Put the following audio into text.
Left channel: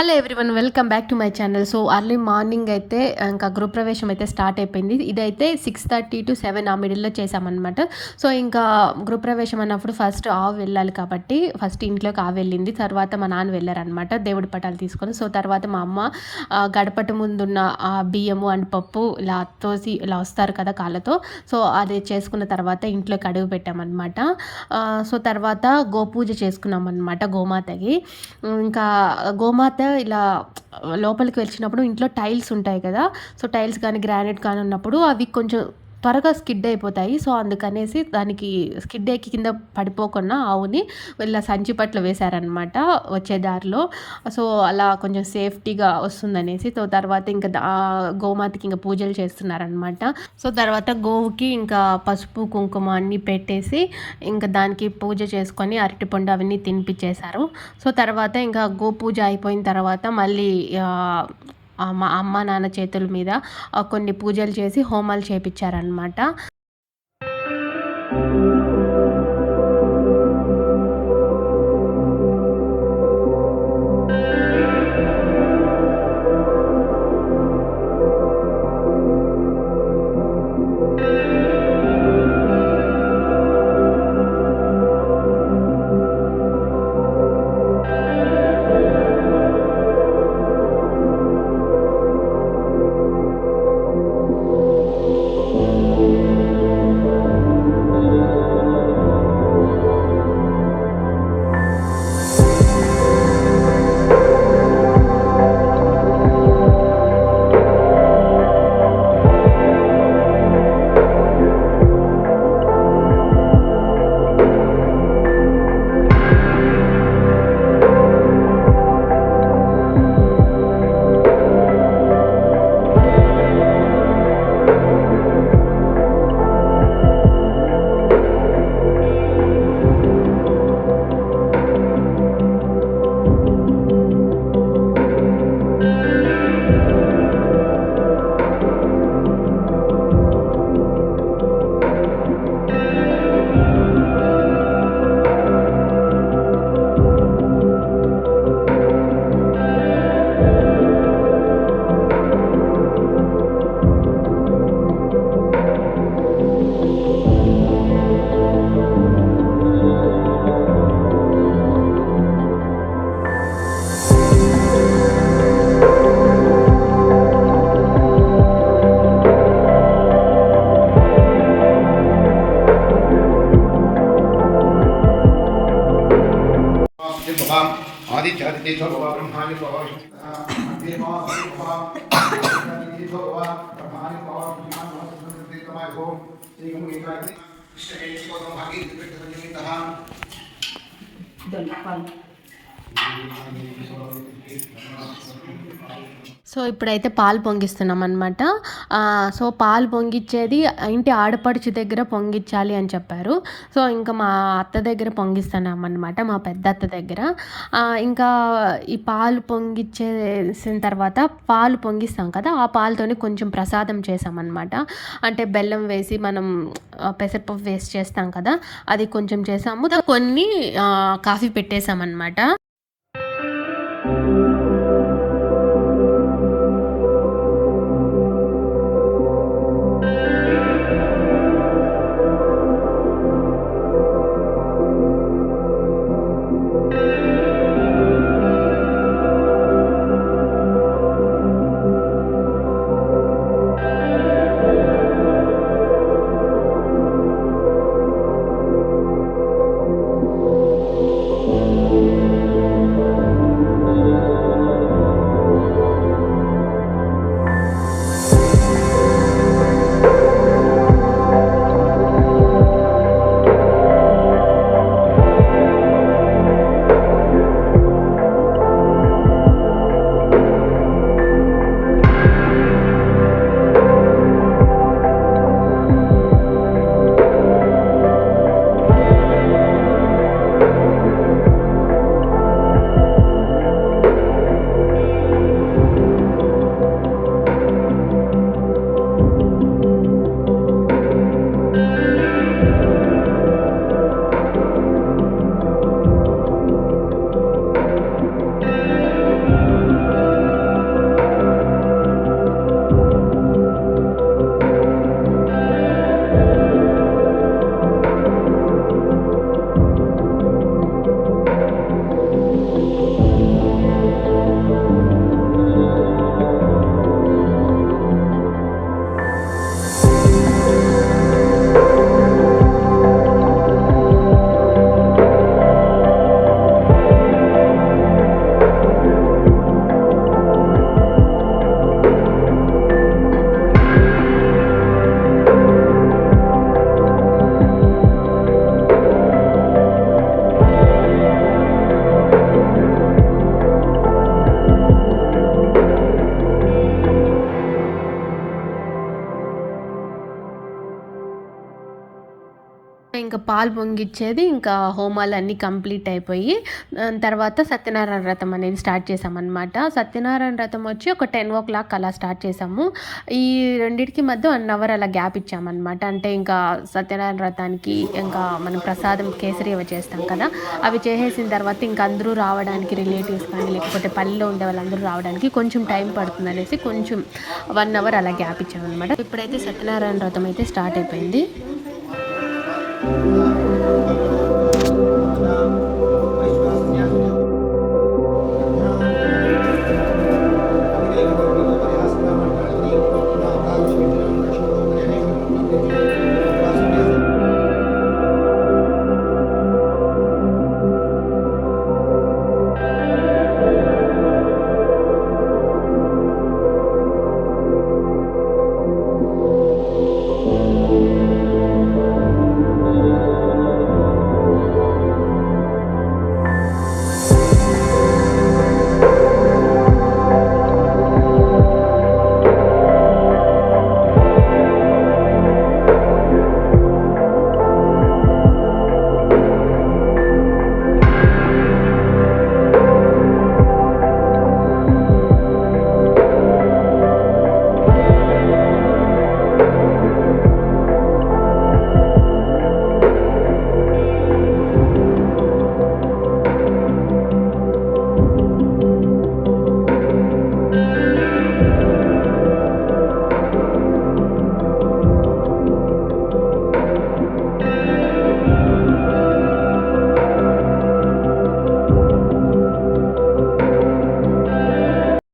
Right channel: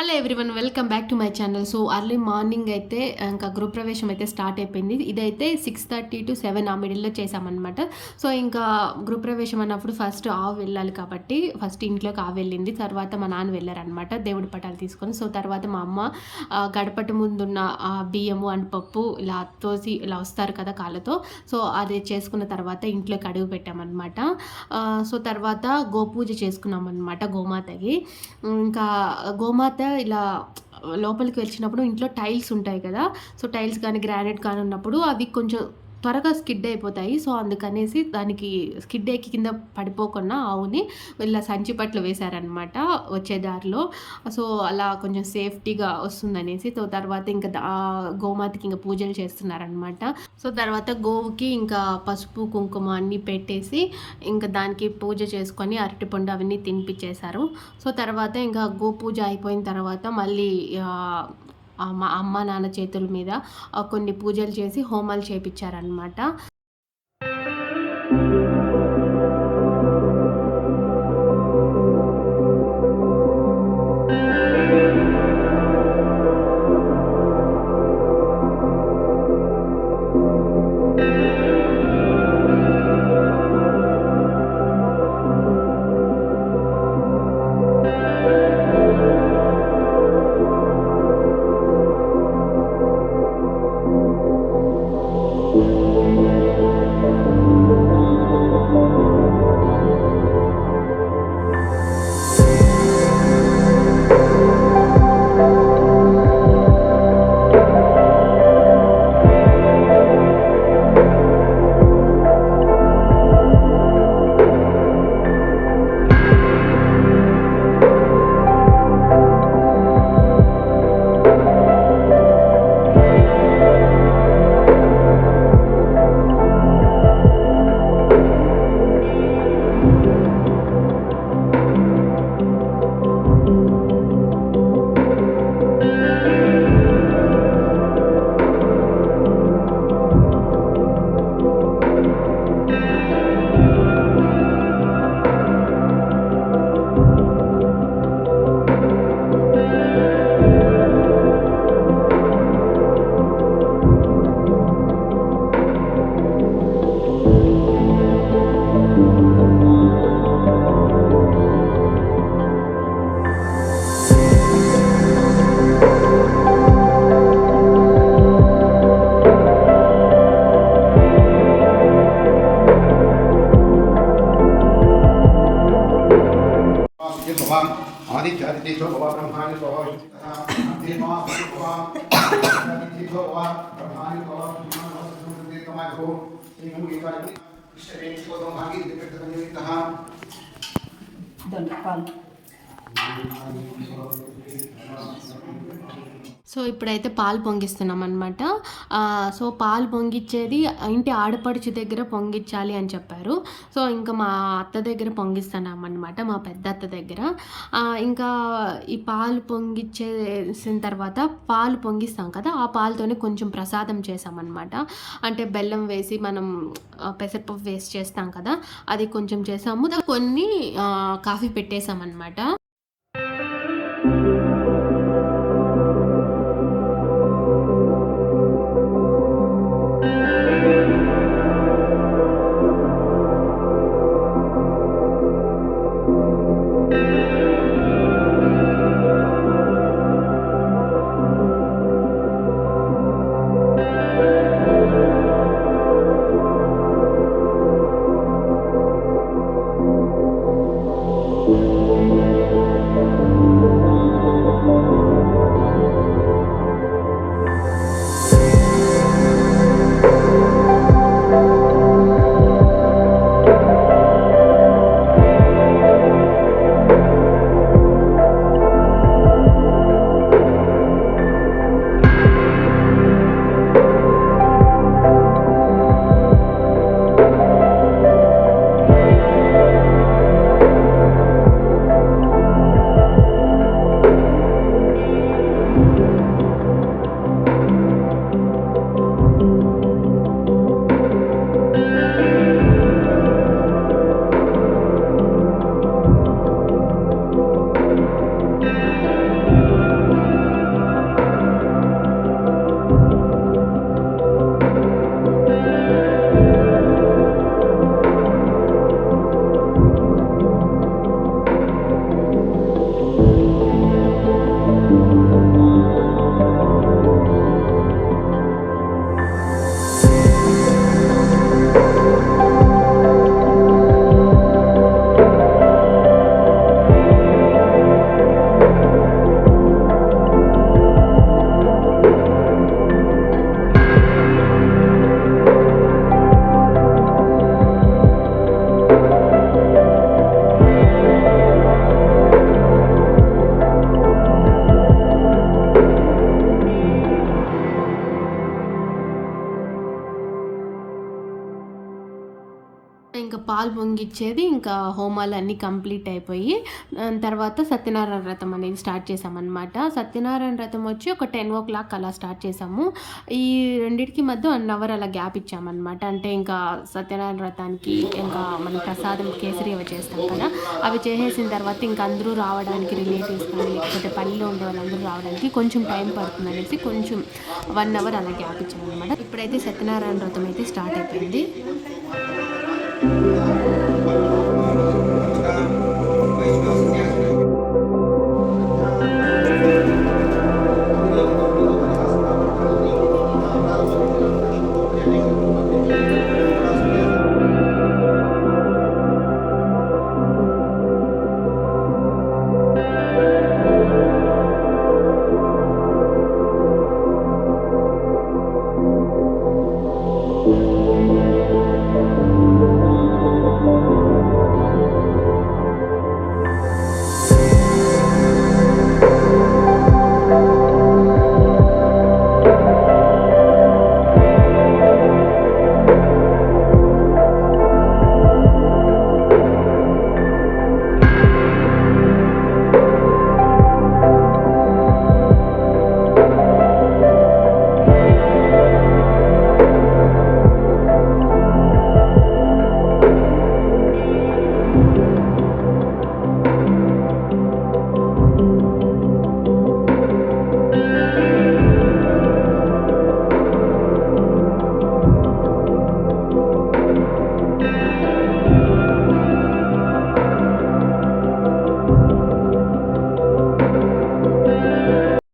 Hello everyone, welcome back to my channel. So early morning అయితే ఇంకా గృహప్రవేశం అయితే స్టార్ట్ అయిపోయింది. ఇదైతే 6:30 to 7 ఆ మిడిల్లో చేసామన్నమాట. సో ఇంకా గృహప్రవేశం అన్నప్పుడు ఫస్ట్ ఆవు వెళ్ళాలి కాబట్టి ఫస్ట్ ఇంట్లోకి ఆవు వెళ్ళింది. తర్వాత మా నాన్న వెళ్ళారనమాట దేవుడి పటాలు తీసుకొని. సో తర్వాత మా అమ్మ గడపట ముందున్న బియ్యము అండ్ పప్పు ఇలా తోసి ఇలా వస్తారు కదా కాళ్ళతో. సో అది చేసుకున్న తర్వాత ఇంట్లోకి అడుగు పెట్టామన్నమాట. సో తర్వాత గోపూజ చేసుకున్నాం అనమాట గోమాతకి. ఇంకా గోమాత ఇలా లోపలికి వచ్చినప్పుడు ఇంట్లో టైల్స్ ఉంటాయి కదా. సో టైల్స్ కానీ గ్రానైట్ కానీ ఉన్నప్పుడు అవి కొంచెం త్వరగా స్కిడ్ అయిపోతాయి. సో అందుకనేసి దానికి స్కిడ్ ఎక్కి కింద పడిపోకుండా ఆవుని ఇలా సంచి పట్ల వేశారనమాట వచ్చే దారిలో. సో అలా కొంచెం సేఫ్టీగా వస్తుందనేసి. సో తర్వాత ఇంకా గోమాతకి ఇంకా పూజలు చేస్తున్నారనమాట. సో తర్వాత గోవుకి ఇంకా పసుపు కుంకుమ అన్నీ పెట్టేసి ఇంకా దానికి పూజ చేసుకొని అరటిపండు అవన్నీ తినిపించేశారు. సో తర్వాత ఇంకా గోపూజ అయిపోయిన తర్వాత మళ్ళీ మా అమ్మ నాన్న చేతుల మీద కొన్ని పూజలు చేసి హోమాలు చేపించారనమాట. आदित्यादित्यो भव ब्रह्माणि भव देवा भव आदित्यो भव ब्रह्माणि भव ब्रह्माणि भव तमाय भव श्रीगुरु गीतानि कृष्णेति भव भागी दिपटनितः दलपाल. సో ఇప్పుడైతే పాలు పొంగిస్తున్నాం అనమాట. సో పాలు పొంగిచ్చేది ఇంటి ఆడపడుచు దగ్గర పొంగించాలి అని చెప్పారు. సో ఇంకా మా అత్త దగ్గర పొంగిస్తున్నాం అనమాట, మా పెద్ద అత్త దగ్గర. ఇంకా ఈ పాలు పొంగిచ్చేసిన తర్వాత పాలు పొంగిస్తాం కదా, ఆ పాలతోనే కొంచెం ప్రసాదం చేసామన్నమాట. అంటే బెల్లం వేసి మనం పెసరపప్పు వేసి చేస్తాం కదా, అది కొంచెం చేసాము. కొన్ని కాఫీ పెట్టేసామన్నమాట. ఇంకా పాలు పొంగిచ్చేది, ఇంకా హోమాలు అన్నీ కంప్లీట్ అయిపోయి తర్వాత సత్యనారాయణ వ్రతం అనేది స్టార్ట్ చేసామన్నమాట. సత్యనారాయణ వ్రతం వచ్చి ఒక 10 అలా స్టార్ట్ చేసాము. ఈ రెండిటికి మధ్య 1 అవర్ అలా గ్యాప్ ఇచ్చామన్నమాట. అంటే ఇంకా సత్యనారాయణ వ్రతానికి ఇంకా మనం ప్రసాదం కేసరి అవి చేస్తాం కదా, అవి చేసేసిన తర్వాత ఇంకా అందరూ రావడానికి, రిలేటివ్స్ కానీ లేకపోతే పల్లెలో ఉండే వాళ్ళందరూ రావడానికి కొంచెం టైం పడుతుంది అనేసి కొంచెం 1 అవర్ అలా గ్యాప్ ఇచ్చామన్నమాట. ఇప్పుడైతే సత్యనారాయణ వ్రతం అయితే స్టార్ట్ అయిపోయింది.